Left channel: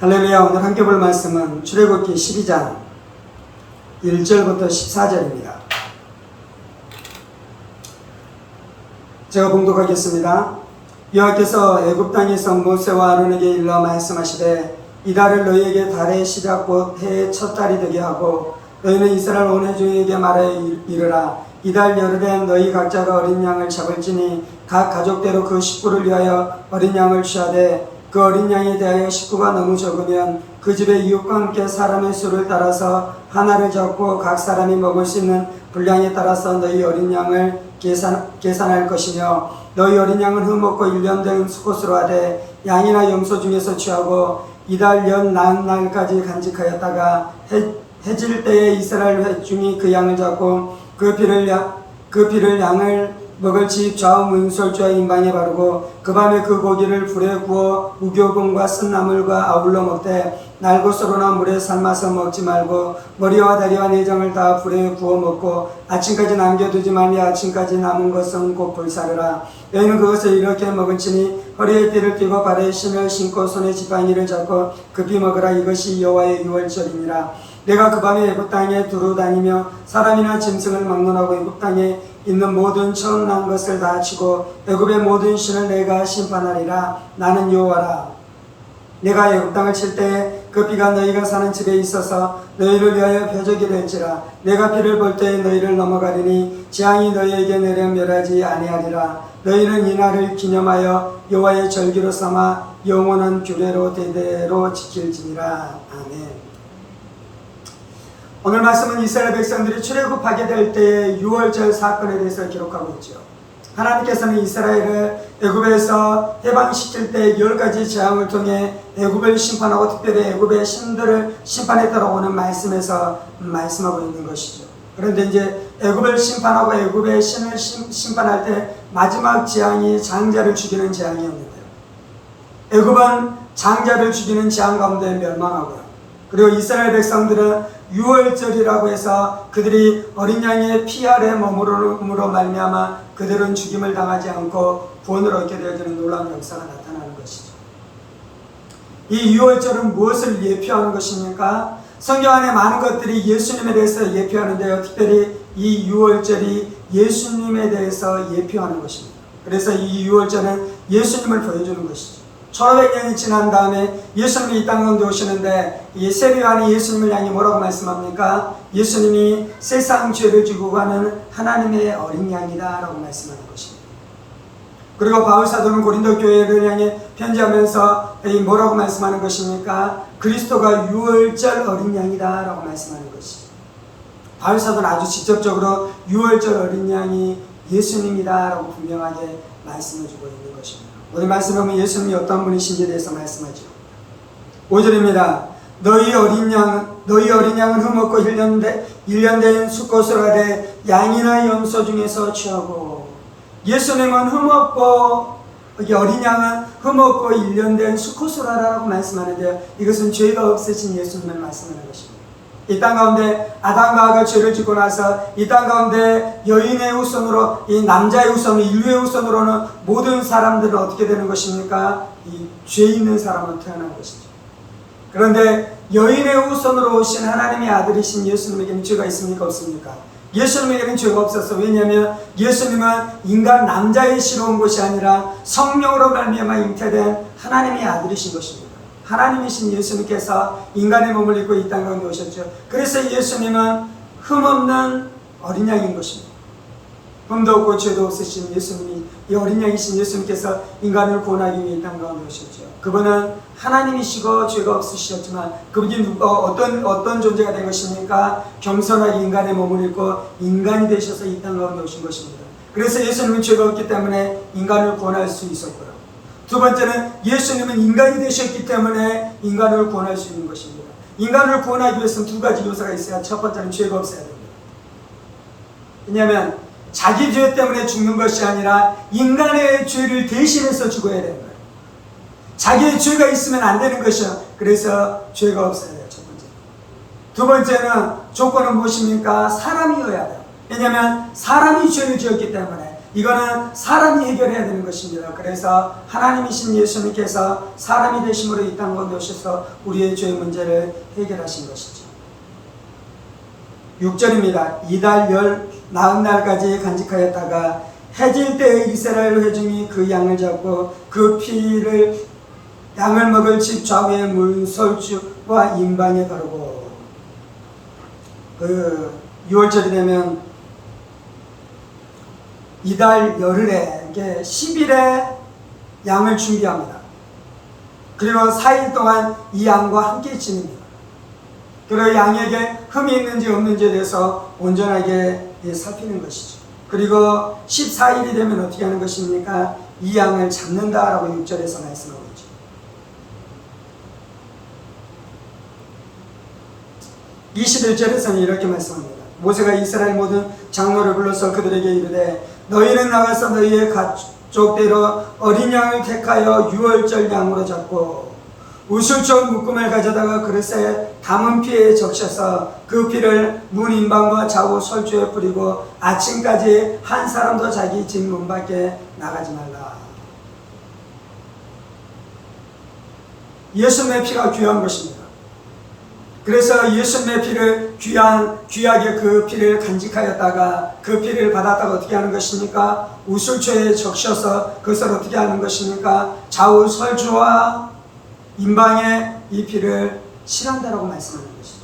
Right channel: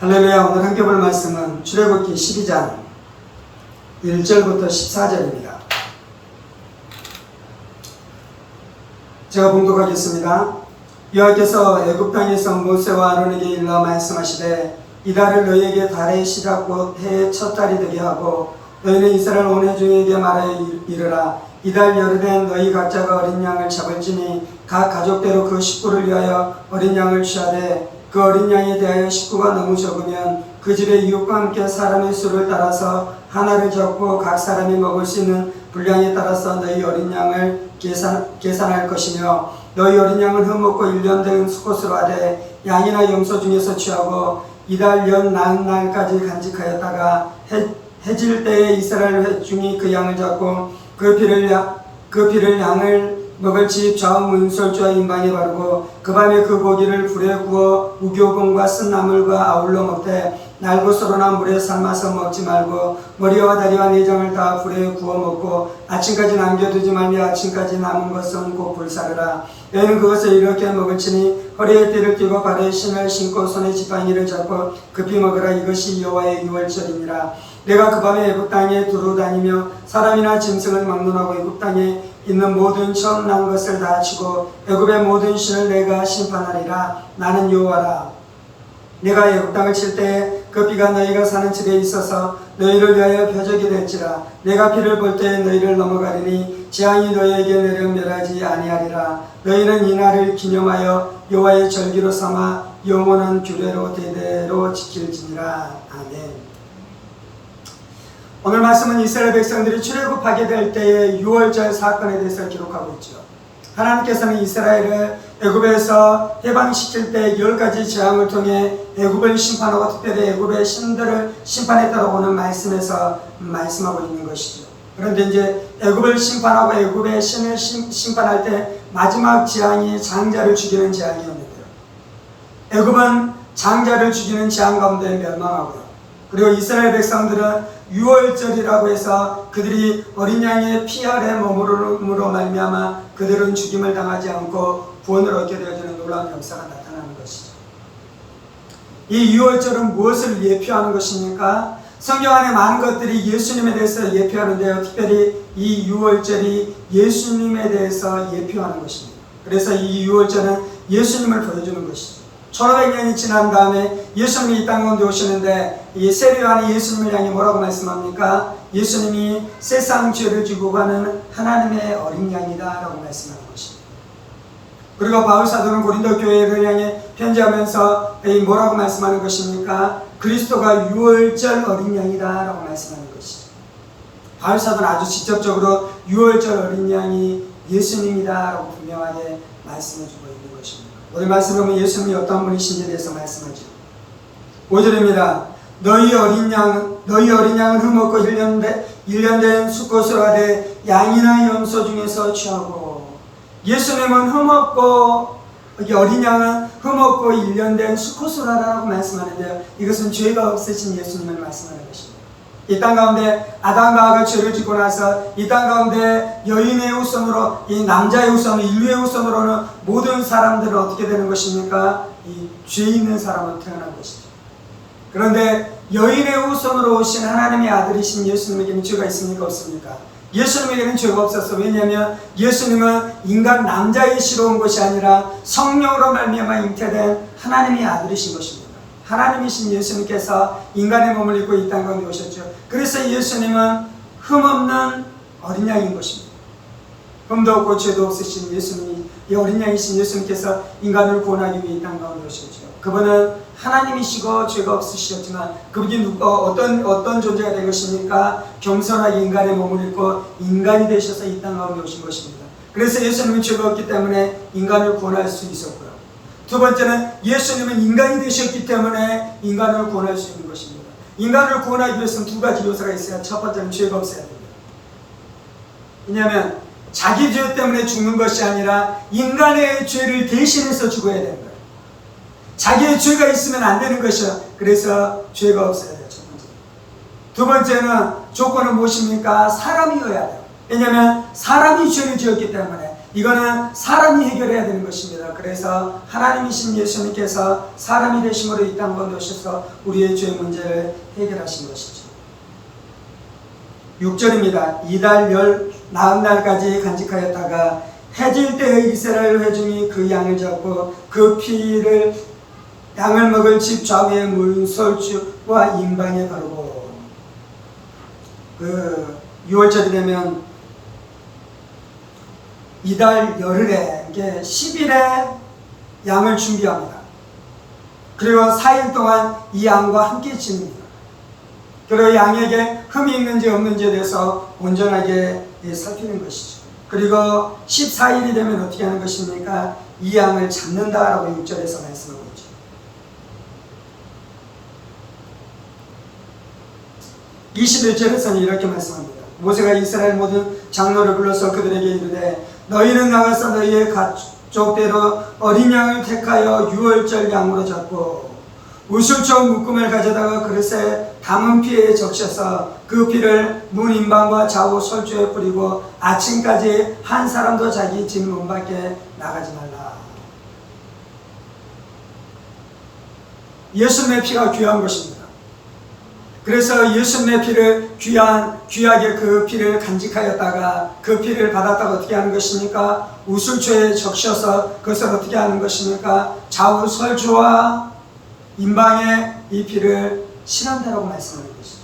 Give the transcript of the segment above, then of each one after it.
할렐루야. 오늘 함께 볼 말씀은 출애굽기 12장 1절부터 14절입니다. 제가 봉독하겠습니다. 여호와께서 애굽 땅에서 모세와 아론에게 일러 말씀하시되 이달을 너희에게 달의 시작 곧 해의 첫 달이 되게 하고 너희는 이스라엘 온 회중에게 말하여 이르라. 이달 열흘엔 너희 각자가 어린 양을 잡을지니 각 가족대로 그 식구를 위하여 어린 양을 취하되 그 어린 양에 대하여 식구가 너무 적으면 그 집의 이웃과 함께 사람의 수를 따라서 하나를 잡고 각 사람이 먹을 수 있는 분량에 따라서 너희 어린 양을 계산할 것이며 너희 어린 양은 흠없고 1년 된 수컷으로 하되 양이나 염소 중에서 취하고 이달 연 나은 날까지 간직하였다가 해질 때에 이스라엘 회중이 그 양을 잡고 그 피를 양을 먹을 집 좌우 문설주와 임방에 바르고 그 밤에 그 고기를 불에 구워 우교금과 쓴나물과 아울러 먹되 날것으로나 물에 삶아서 먹지 말고 머리와 다리와 내장을 다 불에 구워 먹고 아침까지 남겨두지 말며 아침까지 남은 것은 곧 불사르라. 너희는 그것을 이렇게 먹을지니 허리에 띠를 띠고 발에 신을 신고 손에 지팡이를 잡고 급히 먹으라. 이것이 여호와의 유월절이니라. 내가 그 밤에 애굽 땅에 두루 다니며 사람이나 짐승을 막론하고 애굽 땅에 있는 모든 처음 난 것을 다 치고 애굽의 모든 신을 내가 심판하리라. 나는 여호와라. 내가 애굽 땅을 칠 때에 그 피가 너희가 사는 집에 있어서 너희를 위하여 표적이 될지라. 내가 피를 볼 때에 너희를 넘어가리니 재앙이 너희에게 내려 멸하지 아니하리라. 너희는 이 날을 기념하여 여호와의 절기로 삼아 영원한 규례로 대대로 지킬지니라. 아멘. 오늘 말씀은 이스라엘 백성들이 출애굽하게 될 때의 유월절 사건에 대해서 기록하고 있죠. 하나님께서는 이스라엘을 애굽에서 해방시킬 때 10가지 재앙을 통해 애굽을 심판하고 특별히 애굽의 신들을 심판했다고 오는 말씀에서 말씀하고 있는 것이죠. 그런데 이제 애굽을 심판하고 애굽의 신을 심판할 때 마지막 재앙이 장자를 죽이는 재앙이었는데요. 애굽은 장자를 죽이는 재앙 가운데 멸망하고요. 그리고 이스라엘 백성들은 유월절이라고 해서 그들이 어린 양의 피 아래 머무름으로 말미암아 그들은 죽임을 당하지 않고 구원을 얻게 되어지는 놀라운 역사가 나타나는 것이죠. 이 유월절은 무엇을 예표하는 것입니까? 성경 안에 많은 것들이 예수님에 대해서 예표하는데요. 특별히 이 유월절이 예수님에 대해서 예표하는 것입니다. 그래서 이 유월절은 예수님을 보여주는 것이죠. 1500년이 지난 다음에 예수님이 이 땅 가운데 오시는데 이 세례요한이 예수님을 향해 뭐라고 말씀합니까? 예수님이 세상 죄를 지고 가는 하나님의 어린 양이다 라고 말씀하는 것입니다. 그리고 바울사도는 고린도 교회를 향해 편지하면서 뭐라고 말씀하는 것입니까? 그리스도가 유월절 어린 양이다 라고 말씀하는 것이죠. 바울사도는 아주 직접적으로 유월절 어린 양이 예수님이다 라고 분명하게 말씀해주고 있는 것입니다. 오늘 말씀을 보면 예수님이 어떤 분이신지에 대해서 말씀하죠. 5절입니다. 너희 어린 양은 흠없고 1년 된 수컷으로 하되 양이나 염소 중에서 취하고. 예수님은 흠없고 어린 양은 흠없고 1년 된 수컷으로 하라고 말씀하는데요. 이것은 죄가 없으신 예수님을 말씀하는 것입니다. 이 땅 가운데 아담과 하가 죄를 짓고 나서 이 땅 가운데 여인의 후손으로 이 남자의 후손 인류의 후손으로는 모든 사람들은 어떻게 되는 것입니까? 이 죄 있는 사람으로 태어난 것이죠. 그런데 여인의 후손으로 오신 하나님의 아들이신 예수님에게는 죄가 있습니까? 없습니까? 예수님에게는 죄가 없었어. 왜냐하면 예수님은 인간 남자의 시로 온 것이 아니라 성령으로 말미암아 잉태된 하나님의 아들이신 것입니다. 하나님이신 예수님께서 인간의 몸을 입고 이 땅 가운데 오셨죠. 그래서 예수님은 흠없는 어린 양인 것입니다. 흠도 없고 죄도 없으신 예수님이, 이 어린 양이신 예수님께서 인간을 구원하기 위해 이 땅 가운데 오셨죠. 그분은 하나님이시고 죄가 없으셨지만 그분이 어떤 존재가 된 것입니까? 겸손하게 인간의 몸을 입고 인간이 되셔서 이 땅 가운데 오신 것입니다. 그래서 예수님은 죄가 없기 때문에 인간을 구원할 수 있었고요. 두 번째는 예수님은 인간이 되셨기 때문에 인간을 구원할 수 있는 것입니다. 인간을 구원하기 위해서는 두 가지 요소가 있어야. 첫 번째는 죄가 없어야 됩니다. 왜냐하면 자기 죄 때문에 죽는 것이 아니라 인간의 죄를 대신해서 죽어야 되는 거예요. 자기의 죄가 있으면 안 되는 것이요. 그래서 죄가 없어야 돼요. 첫 번째. 두 번째는 조건은 무엇입니까? 사람이어야 돼요. 왜냐하면 사람이 죄를 지었기 때문에 이거는 사람이 해결해야 되는 것입니다. 그래서 하나님이신 예수님께서 사람이 되심으로 이 땅 가운데 오셔서 우리의 죄 문제를 해결하신 것이죠. 6절입니다. 이달 열 나흔 날까지 간직하였다가 해질 때의 이스라엘 회중이 그 양을 잡고 그 피를 양을 먹을 집 좌우에 문설주와 임방에 바르고, 그 6월절이 되면 이달 열흘에 10일에 양을 준비합니다. 그리고 4일 동안 이 양과 함께 지냅니다. 그리고 양에게 흠이 있는지 없는지에 대해서 온전하게 살피는 것이죠. 그리고 14일이 되면 어떻게 하는 것입니까? 이 양을 잡는다라고 6절에서 말씀하고 있죠. 21절에서는 이렇게 말씀합니다. 모세가 이스라엘 모든 장로를 불러서 그들에게 이르되 너희는 나가서 너희의 가족대로 어린 양을 택하여 유월절 양으로 잡고 우슬초 묶음을 가져다가 그릇에 담은 피에 적셔서 그 피를 문 인방과 좌우 설주에 뿌리고 아침까지 한 사람도 자기 집 문 밖에 나가지 말라. 예수님의 피가 귀한 것입니다. 그래서 예수님의 피를 귀하게 그 피를 간직하였다가 그 피를 받았다가 어떻게 하는 것입니까? 우슬초에 적셔서 그것을 어떻게 하는 것입니까? 좌우 설주와 임방에 이 피를 칠한다라고 말씀하는 것이죠.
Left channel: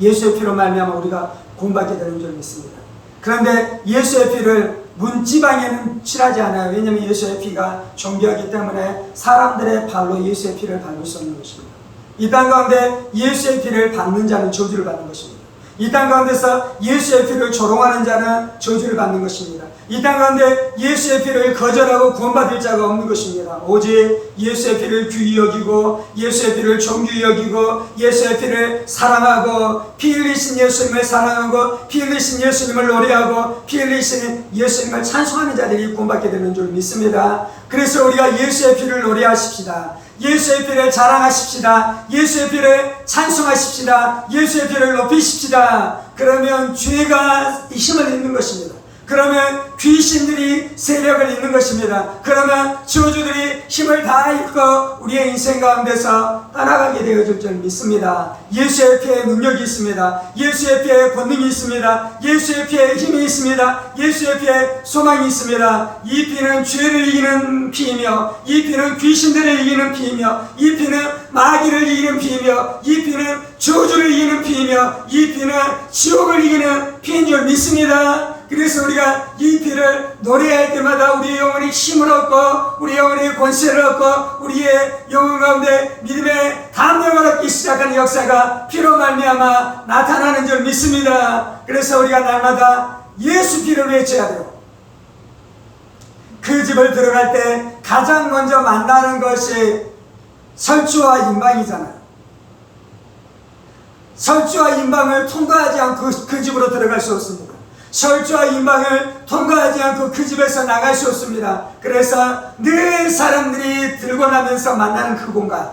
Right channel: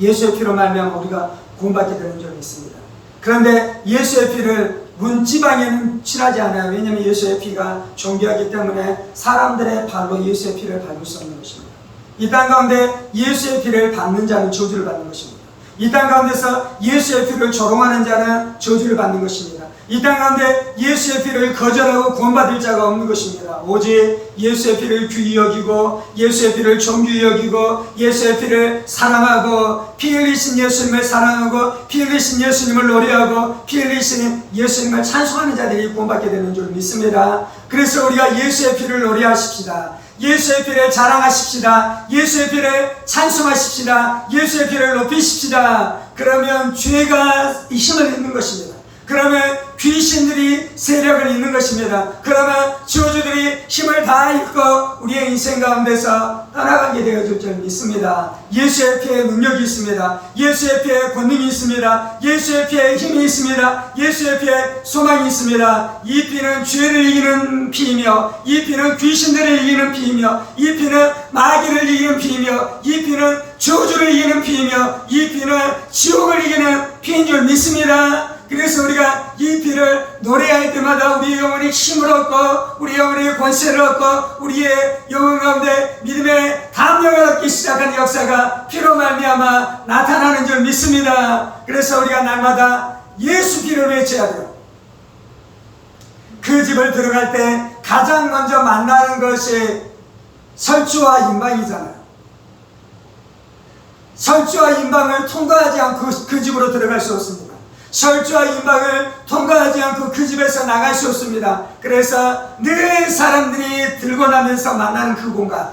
예수의 피로 말미암아 우리가 구원받게 되는 줄을 믿습니다. 그런데 예수의 피를 문지방에는 칠하지 않아요. 왜냐하면 예수의 피가 존귀하기 때문에 사람들의 발로 예수의 피를 밟을 수 없는 것입니다. 이 땅 가운데 예수의 피를 받는 자는 저주를 받는 것입니다. 이 땅 가운데서 예수의 피를 조롱하는 자는 저주를 받는 것입니다. 이 땅 가운데 예수의 피를 거절하고 구원받을 자가 없는 것입니다. 오직 예수의 피를 귀히 여기고 예수의 피를 존귀히 여기고 예수의 피를 사랑하고 피 흘리신 예수님을 사랑하고 피 흘리신 예수님을 노래하고 피 흘리신 예수님을 찬송하는 자들이 구원받게 되는 줄 믿습니다. 그래서 우리가 예수의 피를 노래하십시다. 예수의 피를 자랑하십시다. 예수의 피를 찬송하십시다. 예수의 피를 높이십시다. 그러면 죄가 힘을 잃는 것입니다. 그러면 귀신들이 세력을 잃는 것입니다. 그러면 저주들이 힘을 다 잃고 우리의 인생 가운데서 떠나가게 되어질 줄 믿습니다. 예수의 피에 능력이 있습니다. 예수의 피에 권능이 있습니다. 예수의 피에 힘이 있습니다. 예수의 피에 소망이 있습니다. 이 피는 죄를 이기는 피이며 이 피는 귀신들을 이기는 피이며 이 피는 마귀를 이기는 피이며 이 피는 저주를 이기는 피이며 이 피는 지옥을 이기는 피인 줄 믿습니다. 그래서 우리가 이 피를 노래할 때마다 우리의 영혼이 힘을 얻고 우리의 영혼이 권세를 얻고 우리의 영혼 가운데 믿음의 담력을 얻기 시작하는 역사가 피로 말미암아 나타나는 줄 믿습니다. 그래서 우리가 날마다 예수 피를 외쳐야 돼요. 그 집을 들어갈 때 가장 먼저 만나는 것이 설주와 임방이잖아요. 설주와 임방을 통과하지 않고 그 집으로 들어갈 수 없습니다. 설주와 임방을 통과하지 않고 그 집에서 나갈 수 없습니다. 그래서 늘 사람들이 들고 나면서 만나는 그 공간,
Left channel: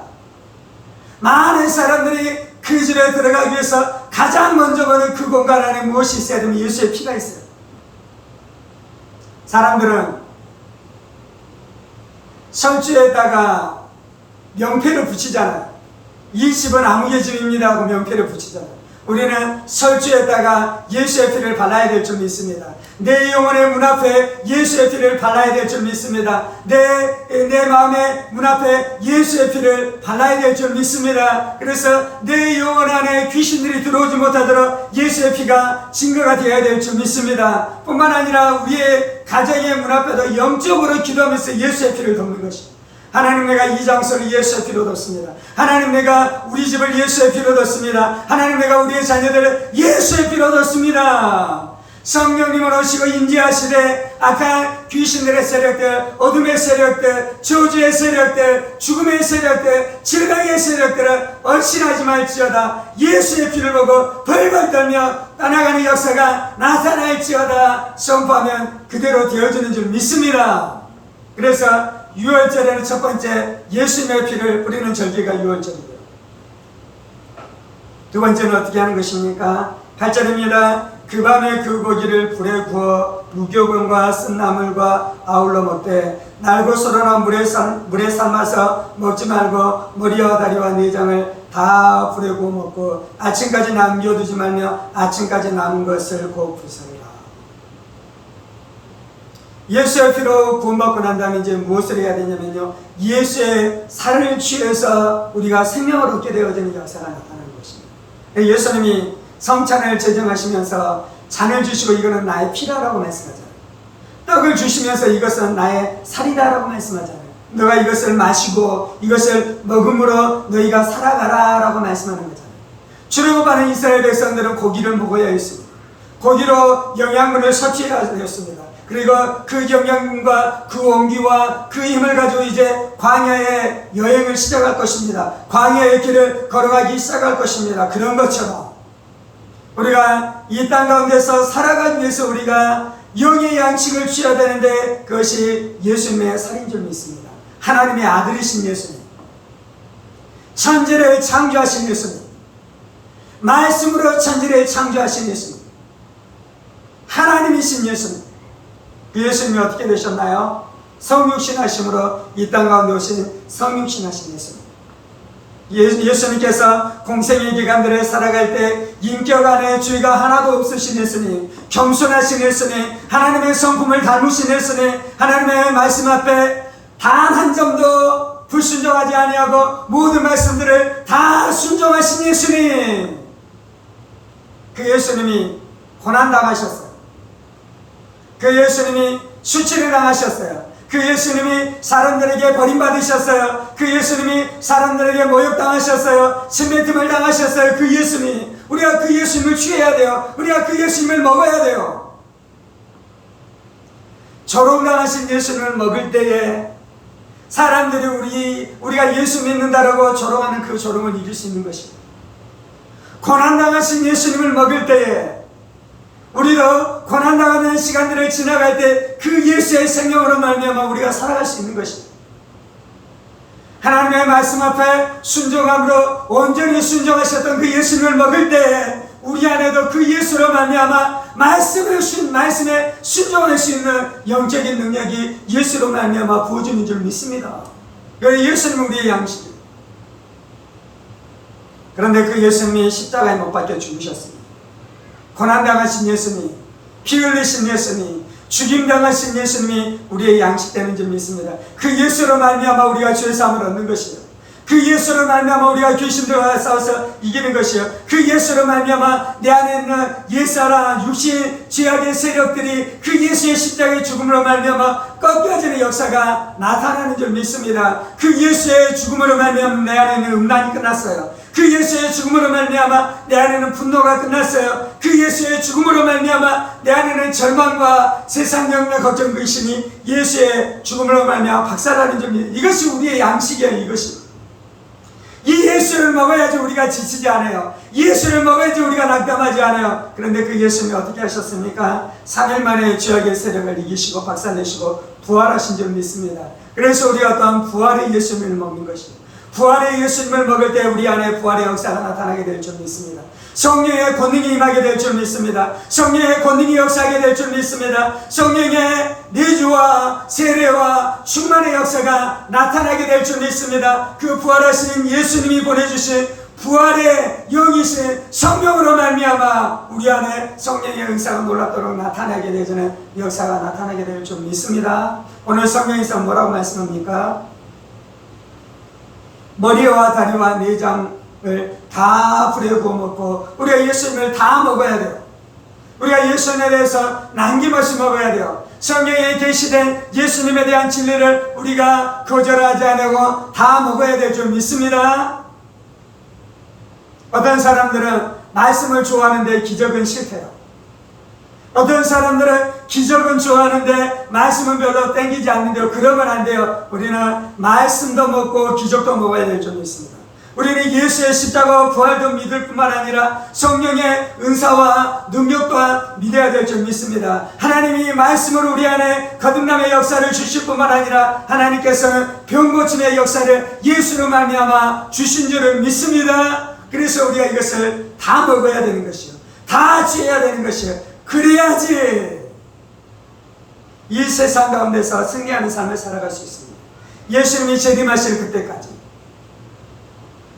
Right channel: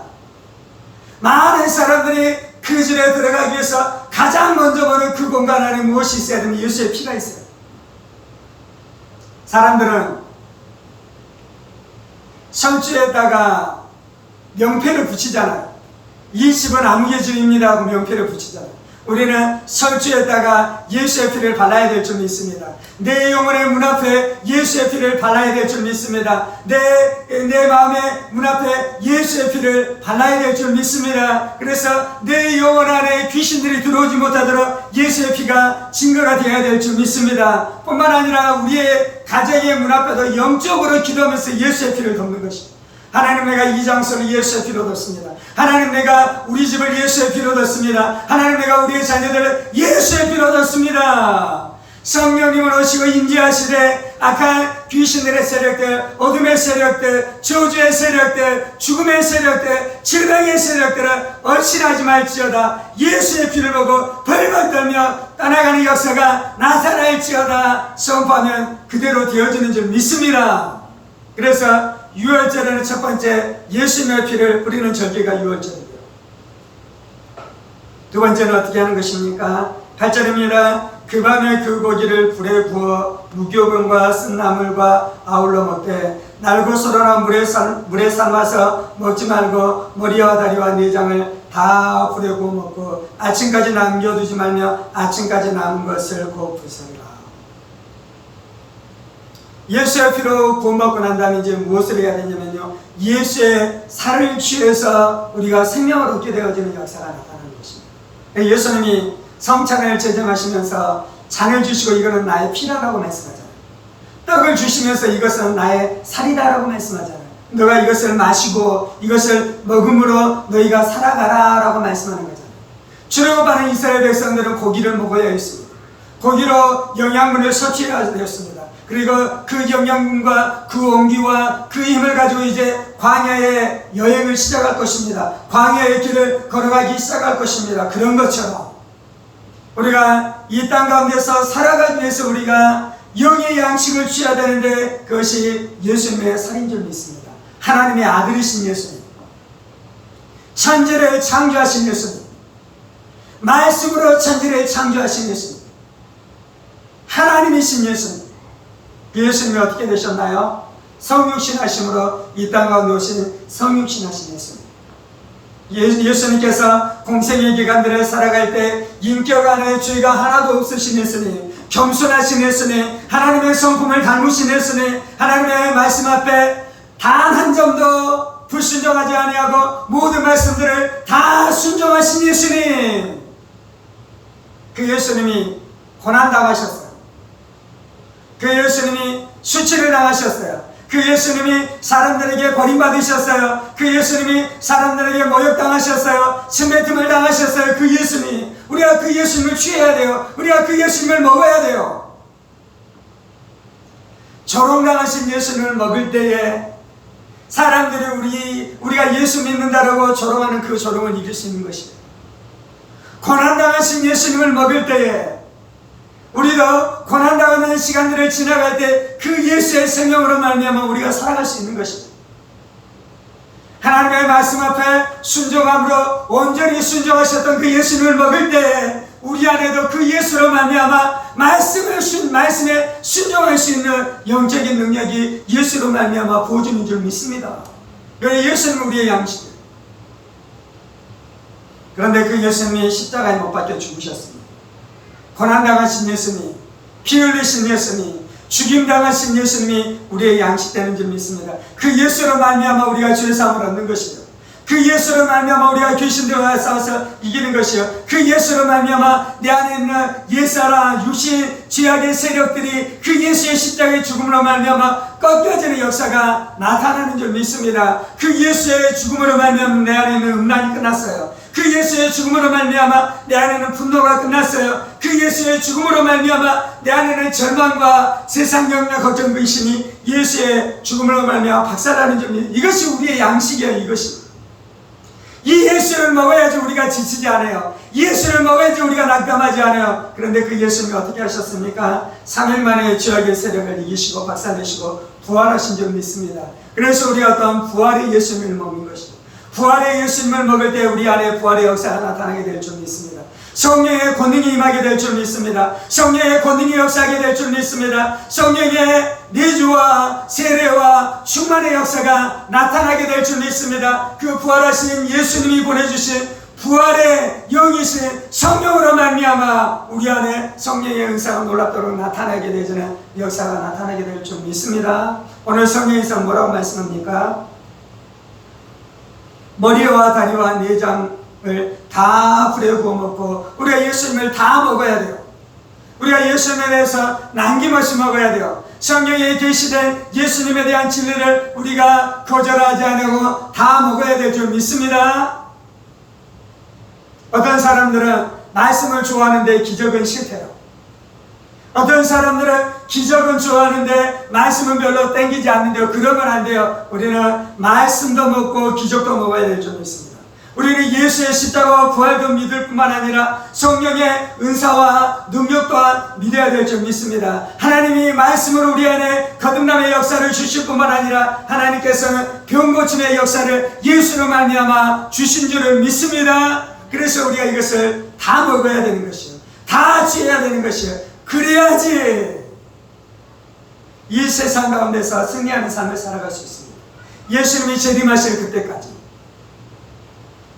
많은 사람들이 그 집에 들어가기 위해서 가장 먼저 보는 그 공간 안에 무엇이 있어야 되면 예수의 피가 있어요. 사람들은 설주에다가 명패를 붙이잖아요. 이 집은 아무개 집입니다 하고 명패를 붙이잖아요. 우리는 설주에다가 예수의 피를 발라야 될 줄 믿습니다. 내 영혼의 문 앞에 예수의 피를 발라야 될 줄 믿습니다. 내 마음의 문 앞에 예수의 피를 발라야 될 줄 믿습니다. 그래서 내 영혼 안에 귀신들이 들어오지 못하도록 예수의 피가 증거가 되어야 될 줄 믿습니다. 뿐만 아니라 우리의 가정의 문 앞에도 영적으로 기도하면서 예수의 피를 돕는 것입니다. 하나님, 내가 이 장소를 예수의 피로 뒀습니다. 하나님, 내가 우리 집을 예수의 피로 뒀습니다. 하나님, 내가 우리의 자녀들을 예수의 피로 뒀습니다. 성령님은 오시고 임재하시되 악한 귀신들의 세력들, 어둠의 세력들, 저주의 세력들, 죽음의 세력들, 질병의 세력들을 얼씬하지 말지어다. 예수의 피를 보고 벌벌 떨며 떠나가는 역사가 나타날지어다 선포하면 그대로 되어지는 줄 믿습니다. 그래서 6월절에는 첫 번째 예수님의 피를 뿌리는 절기가 6월절이고요. 두 번째는 어떻게 하는 것입니까? 8절입니다. 그 밤에 그 고기를 불에 구워 무교병과 쓴나물과 아울러 먹되 날것으로나 물에 삶아서 먹지 말고 머리와 다리와 내장을 다 불에 구워 먹고 아침까지 남겨두지 말며 아침까지 남은 것을 곧 부숴라. 예수의 피로 구원받고 난 다음에 이제 무엇을 해야 되냐면요, 예수의 살을 취해서 우리가 생명을 얻게 되어지는 역사가 나타나는 것입니다. 예수님이 성찬을 제정하시면서 잔을 주시고 이거는 나의 피라라고 말씀하잖아요. 떡을 주시면서 이것은 나의 살이다라고 말씀하잖아요. 너가 이것을 마시고 이것을 먹음으로 너희가 살아가라 라고 말씀하는 거잖아요. 출애굽하는 이스라엘 백성들은 고기를 먹어야 했습니다. 고기로 영양분을 섭취해야 되었습니다. 그리고 그 영양과 그 온기와 그 힘을 가지고 이제 광야의 여행을 시작할 것입니다. 광야의 길을 걸어가기 시작할 것입니다. 그런 것처럼 우리가 이 땅 가운데서 살아가기 위해서 우리가 영의 양식을 취해야 되는데 그것이 예수님의 살인 줄 믿습니다. 하나님의 아들이신 예수님, 천지를 창조하신 예수님, 말씀으로 천지를 창조하신 예수님, 하나님이신 예수님, 그 예수님이 어떻게 되셨나요? 성육신하심으로 이 땅 가운데 오신 성육신하신 예수님. 예수님께서 공생의 기간들을 살아갈 때 인격 안에 죄가 하나도 없으신 예수님, 겸손하신 예수님, 하나님의 성품을 닮으신 예수님, 하나님의 말씀 앞에 단 한 점도 불순종하지 아니하고 모든 말씀들을 다 순종하신 예수님. 그 예수님이 고난당하셨어요. 그 예수님이 수치를 당하셨어요. 그 예수님이 사람들에게 버림받으셨어요. 그 예수님이 사람들에게 모욕당하셨어요. 침뱉음을 당하셨어요. 그 예수님, 우리가 그 예수님을 취해야 돼요. 우리가 그 예수님을 먹어야 돼요. 조롱당하신 예수님을 먹을 때에 사람들이 우리가 예수 믿는다라고 조롱하는 그 조롱을 이길 수 있는 것이에요. 고난당하신 예수님을 먹을 때에 우리도 고난당하는 시간들을 지나갈 때 그 예수의 생명으로 말미암아 우리가 살아갈 수 있는 것입니다. 하나님의 말씀 앞에 순종함으로 온전히 순종하셨던 그 예수님을 먹을 때 우리 안에도 그 예수로 말미암아 말씀에 순종할 수 있는 영적인 능력이 예수로 말미암아 부어주는 줄 믿습니다. 그래서 예수님은 우리의 양식이에요. 그런데 그 예수님이 십자가에 못 박혀 죽으셨습니다. 고난당하신 예수님, 피 흘리신 예수님, 죽임당하신 예수님이 우리의 양식되는 줄 믿습니다. 그 예수로 말미암아 우리가 죄사함을 얻는 것이요, 그 예수로 말미암아 우리가 귀신들과 싸워서 이기는 것이요, 그 예수로 말미암아 내 안에 있는 옛사람 육신 죄악의 세력들이 그 예수의 십자가의 죽음으로 말미암아 꺾여지는 역사가 나타나는 줄 믿습니다. 그 예수의 죽음으로 말미암아 내 안에는 음란이 끝났어요. 그 예수의 죽음으로 말미암아 내 안에는 분노가 끝났어요. 그 예수의 죽음으로 말미암아 내 안에는 절망과 세상 영역 걱정 근심이 예수의 죽음으로 말미암아 박살나는 줄 믿습니다. 이것이 우리의 양식이에요. 이것이 이 예수를 먹어야지 우리가 지치지 않아요. 예수를 먹어야지 우리가 낙담하지 않아요. 그런데 그 예수님이 어떻게 하셨습니까? 3일 만에 죄악의 세력을 이기시고 박살내시고 부활하신 줄 믿습니다. 그래서 우리가 어떤 부활의 예수님을 먹는 것입니다. 부활의 예수님을 먹을 때 우리 안에 부활의 역사가 나타나게 될 줄 믿습니다. 성령의 권능이 임하게 될 줄 믿습니다. 성령의 권능이 역사하게 될 줄 믿습니다. 성령의 내주와 세례와 충만의 역사가 나타나게 될 줄 믿습니다. 그 부활하신 예수님이 보내주신 부활의 영이신 성령으로 말미암아 우리 안에 성령의 은사가 놀랍도록 나타나게 되는 역사가 나타나게 될 줄 믿습니다. 오늘 성령에서 뭐라고 말씀합니까? 머리와 다리와 내장을 다 불에 구워 먹고 우리가 예수님을 다 먹어야 돼요. 우리가 예수님에 대해서 남김없이 먹어야 돼요. 성경에 계시된 예수님에 대한 진리를 우리가 거절하지 않고 다 먹어야 될 줄 믿습니다. 어떤 사람들은 말씀을 좋아하는데 기적은 싫대요. 어떤 사람들은 기적은 좋아하는데 말씀은 별로 땡기지 않는데요. 그러면 안 돼요. 우리는 말씀도 먹고 기적도 먹어야 될 줄 믿습니다. 우리는 예수의 십자가와 부활도 믿을 뿐만 아니라 성령의 은사와 능력 또한 믿어야 될 줄 믿습니다. 하나님이 말씀으로 우리 안에 거듭남의 역사를 주실 뿐만 아니라 하나님께서는 병고침의 역사를 예수로 말미암아 주신 줄을 믿습니다. 그래서 우리가 이것을 다 먹어야 되는 것이요, 다 취해야 되는 것이에요. 그래야지 이 세상 가운데서 승리하는 삶을 살아갈 수 있습니다. 예수님이 재림하실 그때까지,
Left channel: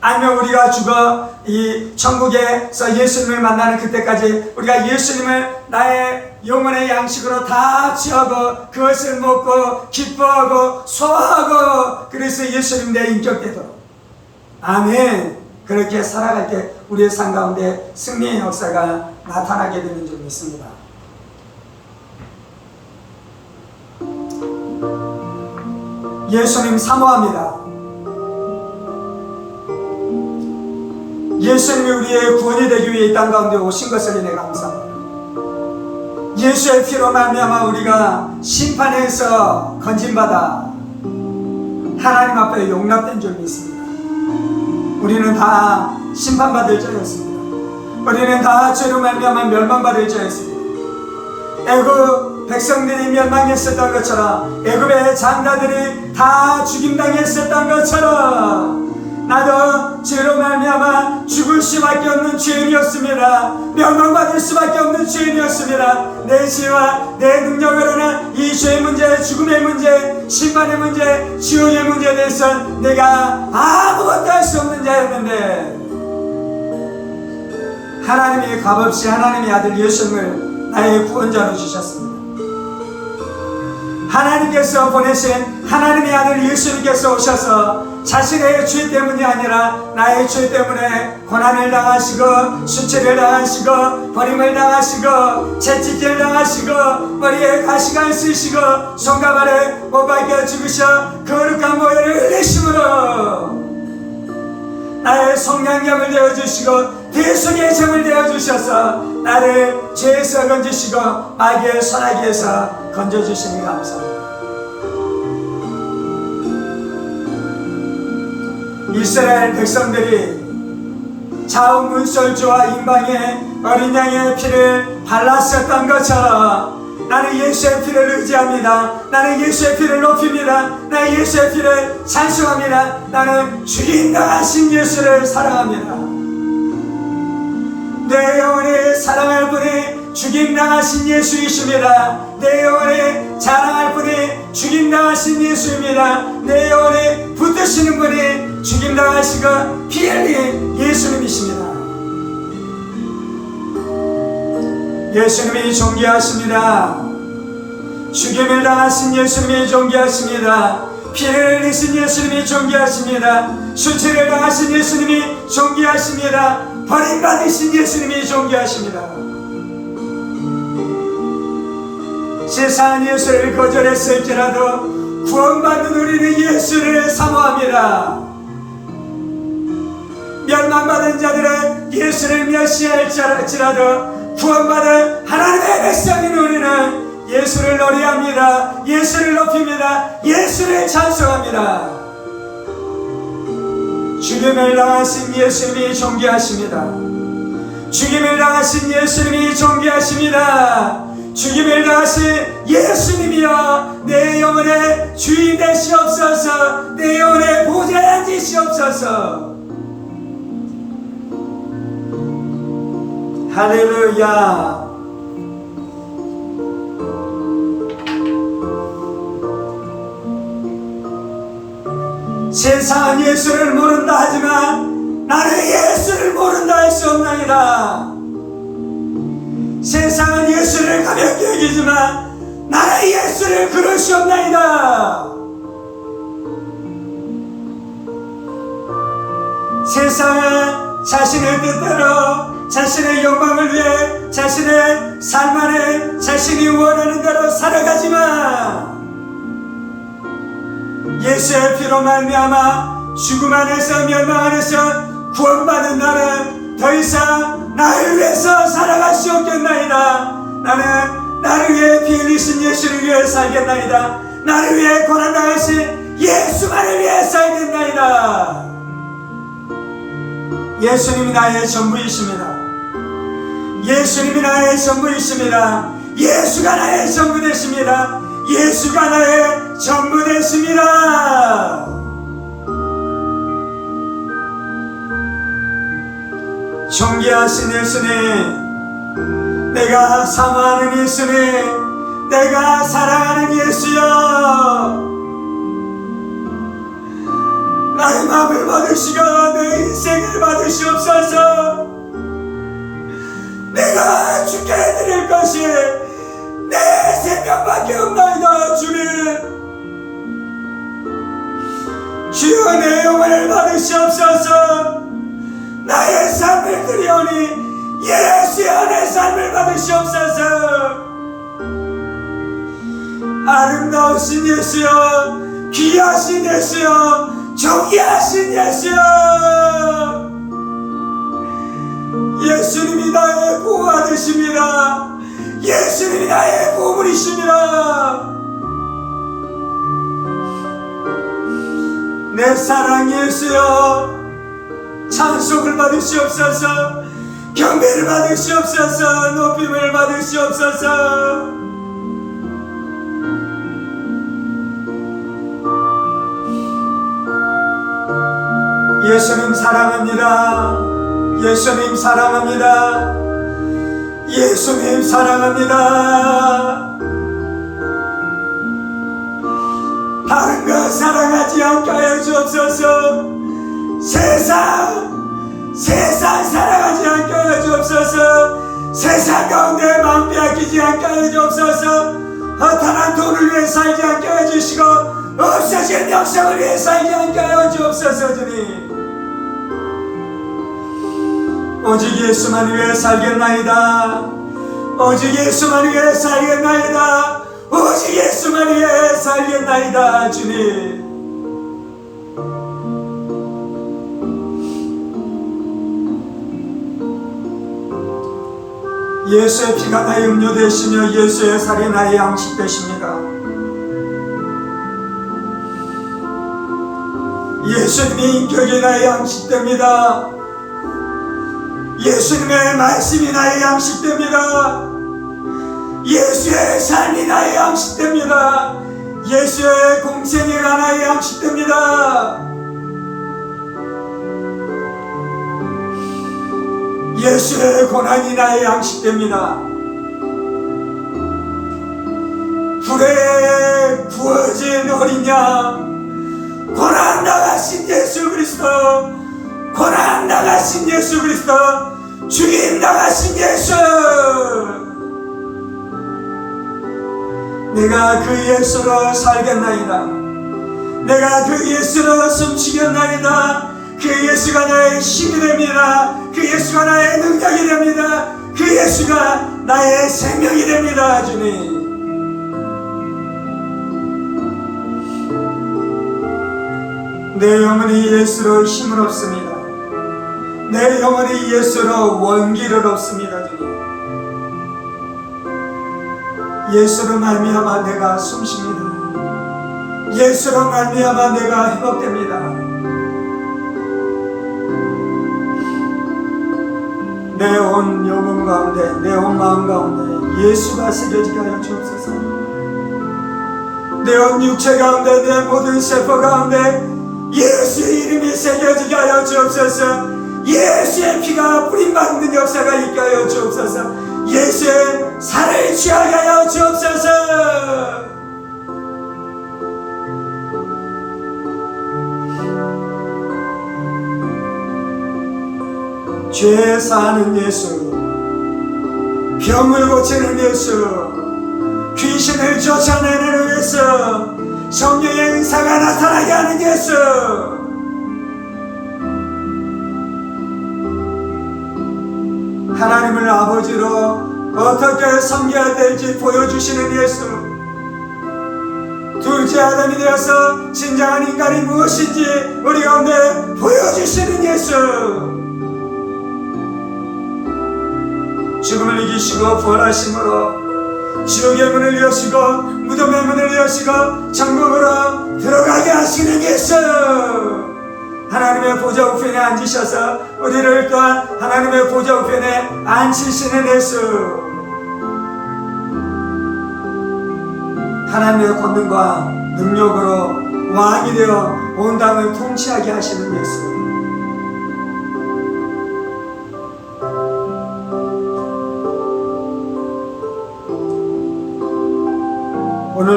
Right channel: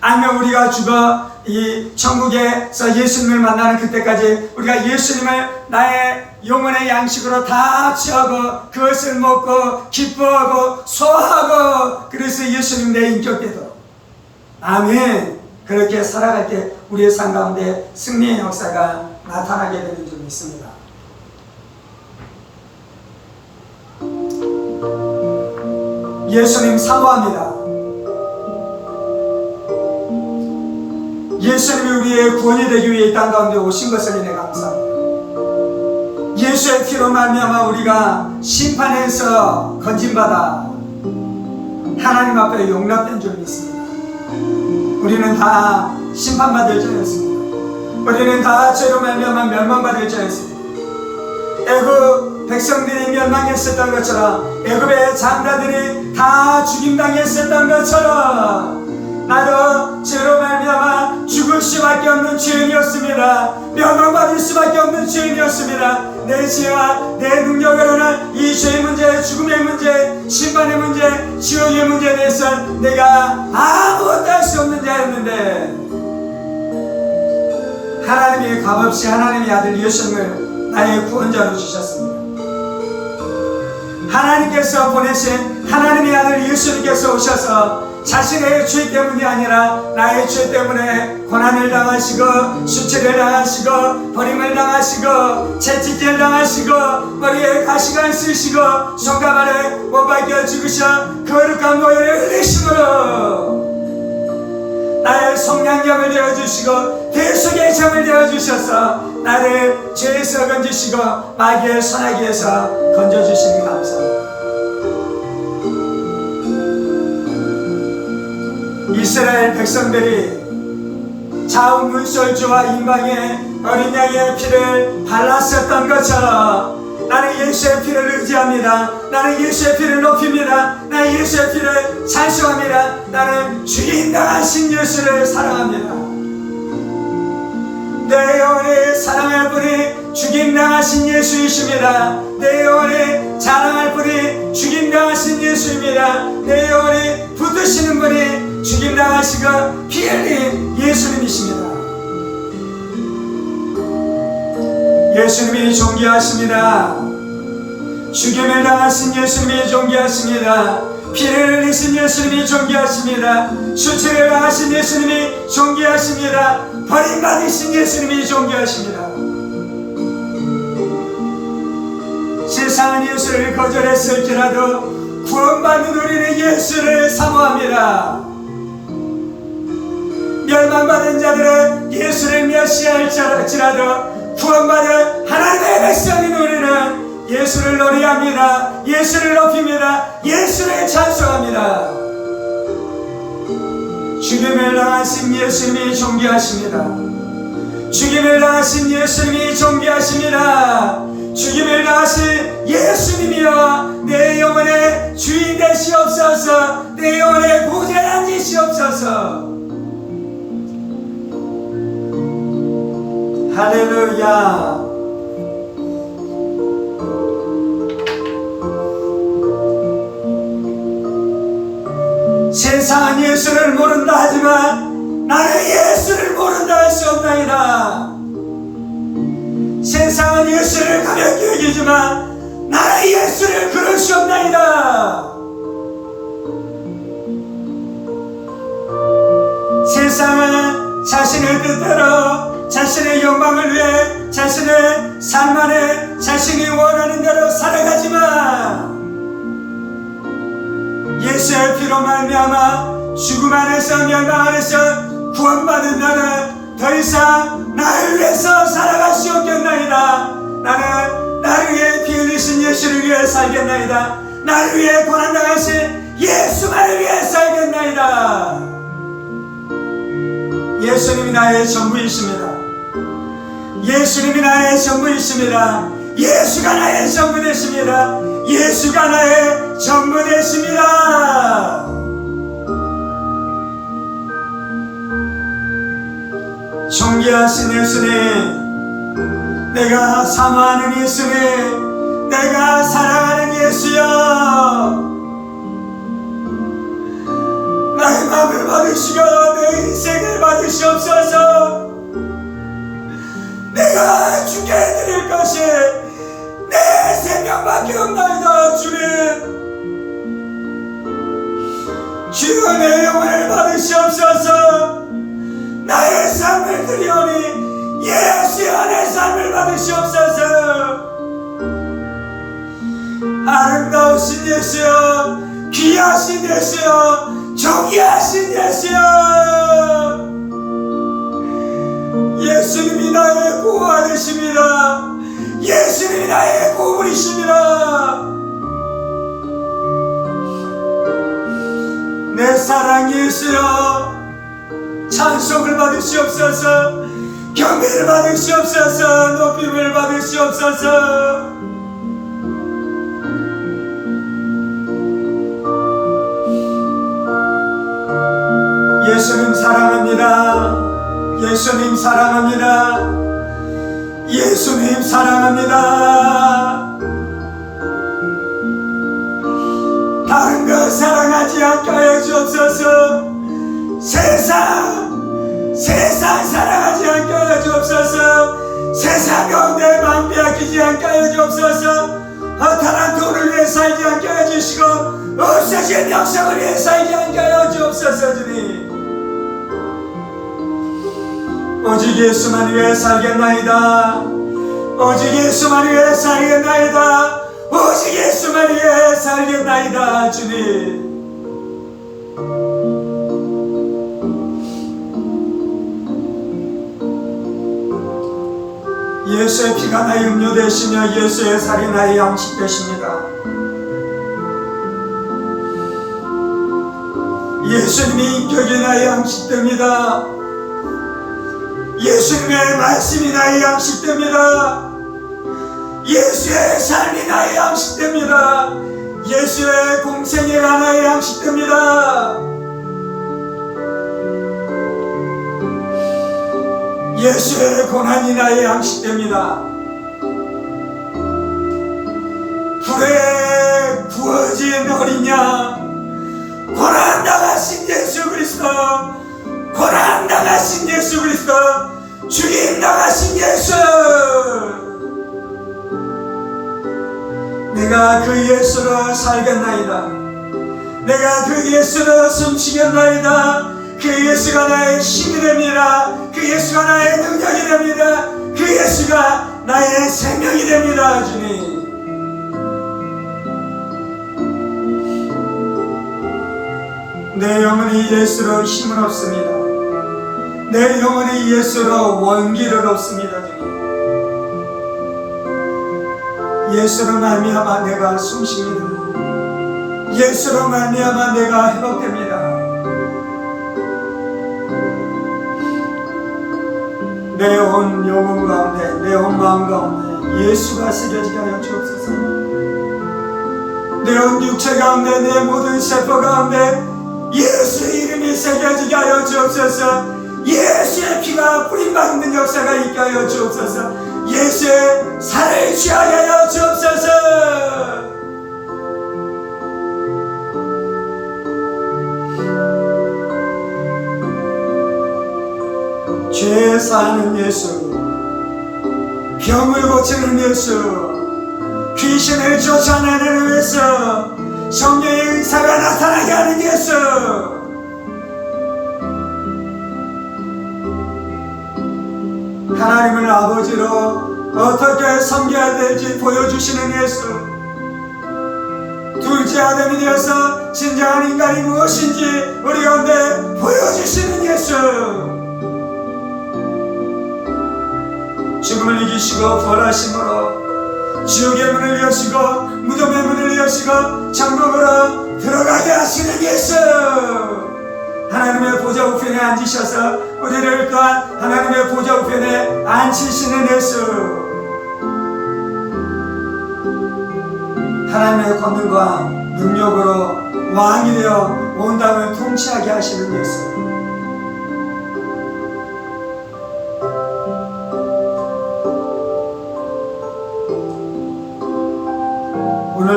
아니면 우리가 죽어 이 천국에서 예수님을 만나는 그때까지 우리가 예수님을 나의 영혼의 양식으로 다 취하고 그것을 먹고 기뻐하고 소화하고, 그래서 예수님 내 인격 되도록, 아멘, 그렇게 살아갈 때 우리의 삶 가운데 승리의 역사가 나타나게 되는 줄 믿습니다. 예수님 사모합니다. 예수님이 우리의 구원이 되기 위해 이 땅 가운데 오신 것을 인해 감사합니다. 예수의 피로 말미암아 우리가 심판에서 건진받아 하나님 앞에 용납된 줄 믿습니다. 우리는 다 심판받을 자였습니다. 우리는 다 죄로 말미암아 멸망받을 자였습니다. 애굽 백성들이 멸망했었던 것처럼, 애굽의 장자들이 다 죽임당했었던 것처럼 나도 죄로 말미암아 죽을 수밖에 없는 죄인이었습니다. 멸망받을 수밖에 없는 죄인이었습니다. 내 죄와 내 능력으로는 이 죄의 문제, 죽음의 문제, 심판의 문제, 지옥의 문제에 대해서 내가 아무것도 할 수 없는 자였는데, 하나님이 값없이 하나님의 아들 예수님을 나의 구원자로 주셨습니다. 하나님께서 보내신 하나님의 아들 예수님께서 오셔서 자신의 죄 때문이 아니라 나의 죄 때문에 고난을 당하시고 수치를 당하시고 버림을 당하시고 채찍질 당하시고 머리에 가시관 쓰시고 손과 발에 못 박혀 죽으셔 거룩한 모혈을 흘리심으로 나의 속량력을 되어주시고 대속의 점을 되어주셔서 나를 죄에서 건지시고 마귀의 손아귀에서 건져주시니 감사합니다. 이스라엘 백성들이 자웅문설주와 임방에 어린 양의 피를 발랐었던 것처럼 나는 예수의 피를 의지합니다. 나는 예수의 피를 높입니다. 나는 예수의 피를 찬송합니다. 나는 죽임당하신 예수를 사랑합니다. 내 영혼이 사랑할 분이 죽임당하신 예수이십니다. 내 영혼이 자랑할 분이 죽임당하신 예수입니다. 내 영혼이 붙드시는 분이 죽임당하시고 피 흘린 예수님이십니다. 예수님이 존귀하십니다. 죽임을 당하신 예수님이 존귀하십니다. 피를 흘리신 예수님이 존귀하십니다. 수치를 당하신 예수님이 존귀하십니다. 버림받으신 예수님이 존귀하십니다. 세상은 예수를 거절했을지라도 구원받는 우리는 예수를 사모합니다. 멸망받은 자들은 예수를 멸시할지라도 구원받은 하나님의 백성인 우리는 예수를 노래합니다. 예수를 높입니다. 예수를 찬송합니다. 죽임을 당하신 예수님이 존귀하십니다. 죽임을 당하신 예수님이 존귀하십니다. 죽임을 당하신 예수님이여 내 영혼의 주인 되시옵소서. 내 영혼의 보좌에 앉으시옵소서. 할렐루야. 세상은 예수를 모른다 하지만 나는 예수를 모른다 할 수 없나이다. 세상은 예수를 가볍게 여기지만 나는 예수를 그럴 수 없나이다. 세상은 자신의 뜻대로 자신의 욕망을 위해 자신의 삶 안에 자신이 원하는 대로 살아가지만 예수의 피로 말미암아 죽음 안에서 멸망 안에서 구원받은 나는 더 이상 나를 위해서 살아갈 수 없겠나이다. 나는 나를 위해 피 흘리신 예수를 위해 살겠나이다. 나를 위해 고난당하신 예수만을 위해 살겠나이다. 예수님이 나의 전부이십니다. 예수님이 나의 전부이십니다. 예수가 나의 전부 되십니다. 예수가 나의 전부 되십니다. 존귀하신 예수님, 내가 사모하는 예수님, 내가 사랑하는 예수여, 나의 마음을 받으시고 내 인생을 받으시옵소서. 내가 주께 드릴 것이 내 생명밖에 없나이다. 주님, 주여 내 영혼을 받으시옵소서. 나의 삶을 드리오니 예수여 내 삶을 받으시옵소서. 아름다우신 예수여, 귀하신 예수여, 존귀하신 예수여, 예수님이 나의 보호가 되십니다. 예수님이 나의 보물이십니다. 내 사랑 예수여, 찬송을 받으시옵소서. 경배를 받으시옵소서. 높임을 받으시옵소서. 예수님 사랑합니다. 예수님 사랑합니다. 예수님 사랑합니다. 다른 것 사랑하지 않게 하여 주옵소서. 세상 사랑하지 않게 하여 주옵소서. 세상 가운데 마음 빼앗기지 않게 하여 주옵소서. 허탄한 돈을 위해 살지 않게 하여 주시고 없어진 영성을 위해 살지 않게 하여 주옵소서. 주님, 오직 예수만 위해 살겠나이다. 오직 예수만 위해 살겠나이다. 오직 예수만 위해 살겠나이다. 주님, 예수의 피가 나의 음료 되시며 예수의 살이 나의 양식 되십니다. 예수님의 인격이 나의 양식 됩니다. 예수님의 말씀이 나의 양식 됩니다. 예수의 삶이 나의 양식 됩니다. 예수의 공생애가 나의 양식 됩니다. 예수의 고난이 나의 양식 됩니다. 불에 구워진 어린 양, 고난 당하신 예수 그리스도, 고난 당하신 예수 그리스도, 죽임 당하신 예수, 내가 그 예수로 살겠나이다. 내가 그 예수로 숨쉬겠나이다. 그 예수가 나의 힘이 됩니다. 그 예수가 나의 능력이 됩니다. 그 예수가 나의 생명이 됩니다. 주님, 내 영혼이 예수로 힘을 얻습니다. 내 영혼이 예수로 원기를 얻습니다. 주님, 예수로 말미암아 내가 숨쉽니다. 예수로 말미암아 내가 회복됩니다. 내 온 영혼 가운데, 내 온 마음 가운데 예수가 새겨지게 하여 주옵소서. 내 온 육체 가운데, 내 모든 세포 가운데 예수의 이름이 새겨지게 하여 주옵소서. 예수의 피가 뿌림받는 역사가 있게 하여 주옵소서. 예수의 살을 취하게 하여 주옵소서. 죄 사하는 예수, 병을 고치는 예수, 귀신을 쫓아내는 예수, 성령의 의사가 나타나게 하는 예수, 하나님을 아버지로 어떻게 섬겨야 될지 보여주시는 예수, 둘째 아담이 되어서 진정한 인간이 무엇인지 우리 가운데 보여주시는 예수, 죽음을 이기시고 부활하심으로 지옥의 문을 여시고 무덤의 문을 여시고 천국으로 들어가게 하시는 예수, 하나님의 보좌 우편에 앉으셔서 우리를 또한 하나님의 보좌 우편에 앉히시는 예수, 하나님의 권능과 능력으로 왕이 되어 온 땅을 통치하게 하시는 예수,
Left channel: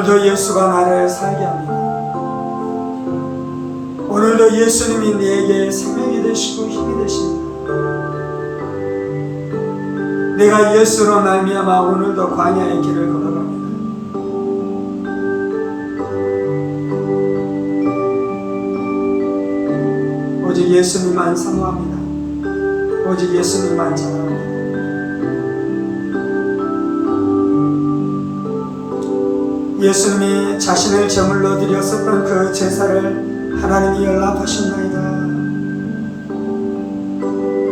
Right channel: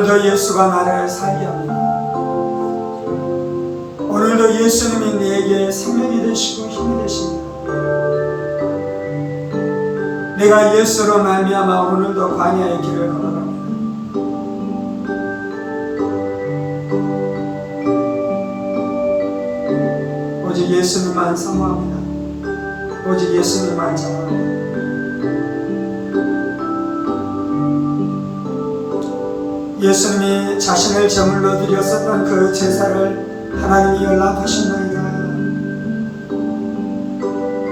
오늘도 예수가 나를 살게 합니다. 오늘도 예수님이 내게 생명이 되시고 힘이 되십니다. 내가 예수로 말미암아 오늘도 광야의 길을 걸어갑니다. 오직 예수님만 사모합니다. 오직 예수님만 사모합니다. 예수님이 자신을 제물로 드렸었던 그 제사를 하나님이 연락하셨나이다.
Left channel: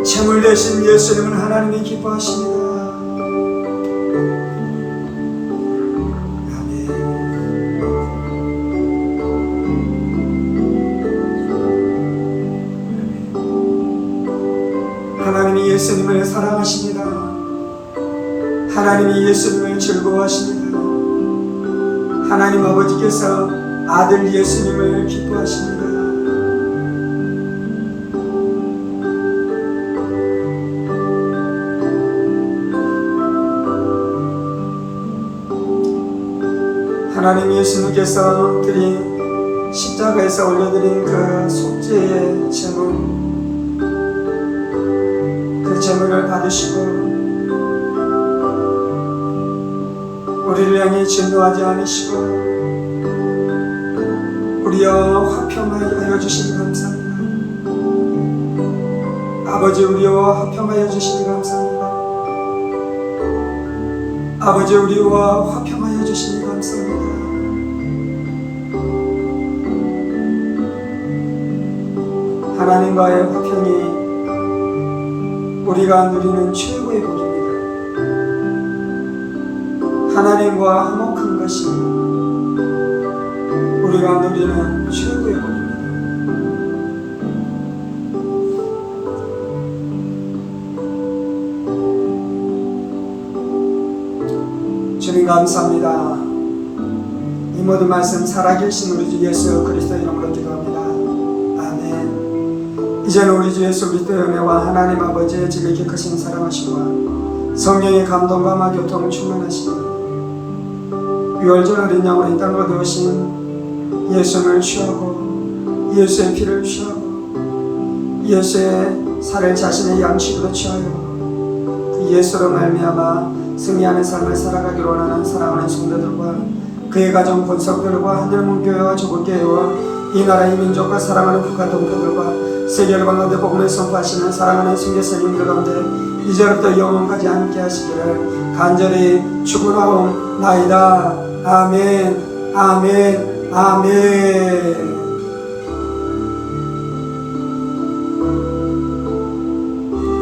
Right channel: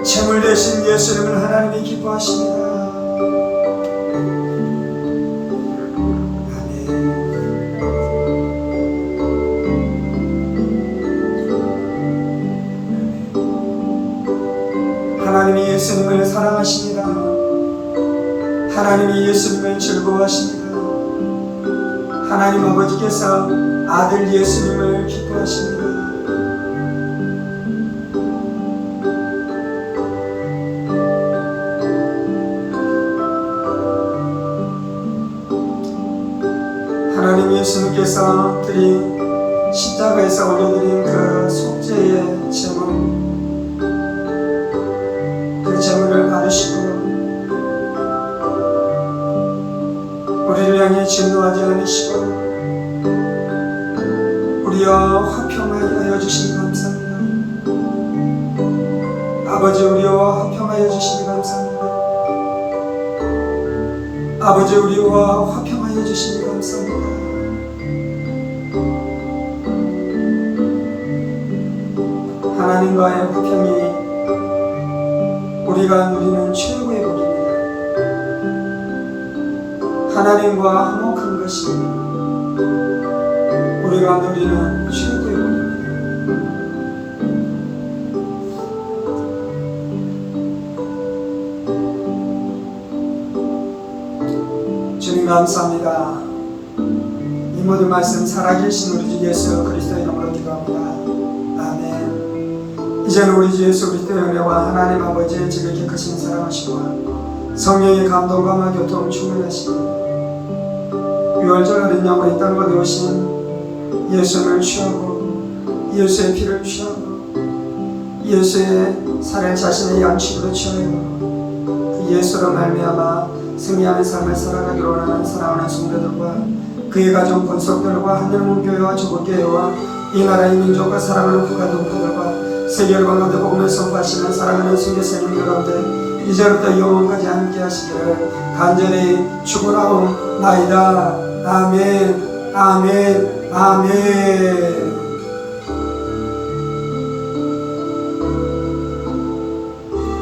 제물 대신 예수님을 하나님이 기뻐하십니다. 하나님이 예수님을 사랑하십니다. 하나님이 예수님을 즐거워하십니다. 하나님 아버지께서 아들 예수님을 기뻐하십니다. 하나님 예수님께서 드린 십자가에서 올려드린 그 속죄의 제물, 그 제물을 받으시고 우리를 향해 진노하지 않으시고 우리와 화평하여 주시니 감사합니다. 아버지, 우리와 화평하여 주시니 감사합니다. 아버지, 우리와 화평하여 주시니 감사합니다. 하나님과의 화평이 우리가 누리는 최고의 복입니다. 하나님과 화목한 것이 우리가 누리는 최고의 복입니다. 주님 감사합니다. 이 모든 말씀 살아계신 우리 주 예수 그리스도 이름으로 기도합니다. 아멘. 이제는 우리 주 예수 그리스도의 은혜와 하나님 아버지의 지극히 크신 사랑하심과 성령의 감동과 교통 충만하시니 유월절 어린 양으로 이 땅으로 오신 예수를 취하고 예수의 피를 취하고 예수의 살을 자신의 양식으로 취하여 그 예수로 말미암아 승리하는 삶을 살아가기로 원하는 사랑하는 성도들과 그의 가정 본석들과 하늘문교회와 조국교회와 이 나라의 민족과 사랑하는 국가 동포들과 세계를 건너되 복음을 선포하시는 사랑하는 선교사님들 가운데 이제부터 영원까지 함께 하시기를 간절히 축원하옵나이다. 아멘, 아멘, 아멘.